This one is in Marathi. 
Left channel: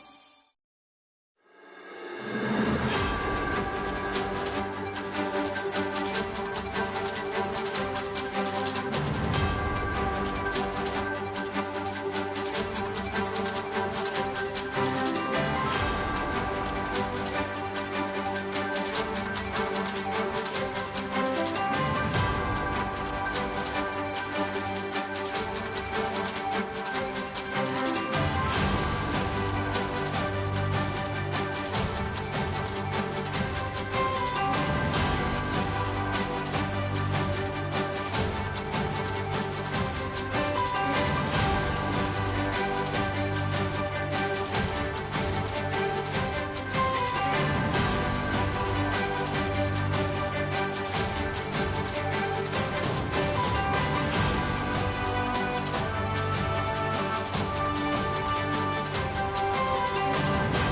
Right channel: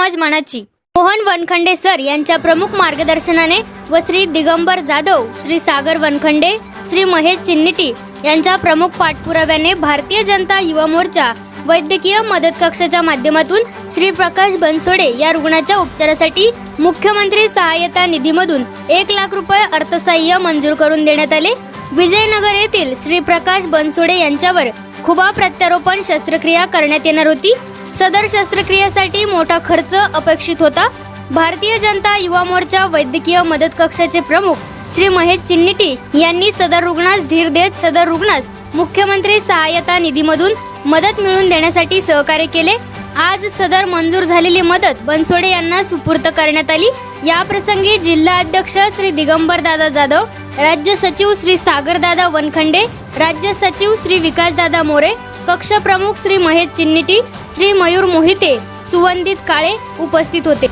समाज मनाची. मोहन वनखंडे सर यांच्या प्रमुख मार्गदर्शनाने व श्री दिगंबर जाधव श्री सागर वनखंडे श्री महेश चिन्निटी यांच्या प्रमुख पाठपुराव्याने भारतीय जनता युवा मोर्चा वैद्यकीय मदत कक्षाच्या माध्यमातून श्री प्रकाश बनसोडे या रुग्णाच्या उपचारासाठी मुख्यमंत्री सहाय्यता निधीमधून एक लाख रुपये अर्थसहाय्य मंजूर करून देण्यात आले. विजयनगर येथील श्री प्रकाश बनसोडे यांच्यावर खुबा प्रत्यारोपण शस्त्रक्रिया करण्यात येणार होती. सदर शस्त्रक्रियेसाठी मोठा खर्च अपेक्षित होता. भारतीय जनता युवा मोर्चा वैद्यकीय मदत कक्षाचे प्रमुख श्री महेश चिन्निटी यांनी सदर रुग्णास धीर देत सदर रुग्णास मुख्यमंत्री सहाय्यता निधीमधून मदत मिळवून देण्यासाठी सहकार्य केले. आज सदर मंजूर झालेली मदत बनसोडे यांना सुपूर्त करण्यात आली. या प्रसंगी जिल्हा अध्यक्ष श्री दिगंबर दादा जाधव राज्य सचिव श्री सागर दादा वनखंडे राज्य सचिव श्री विकास दादा मोरे कक्ष प्रमुख श्री महेश चिन्निटी श्री मयूर मोहिते सुवंदित काळे उपस्थित होते.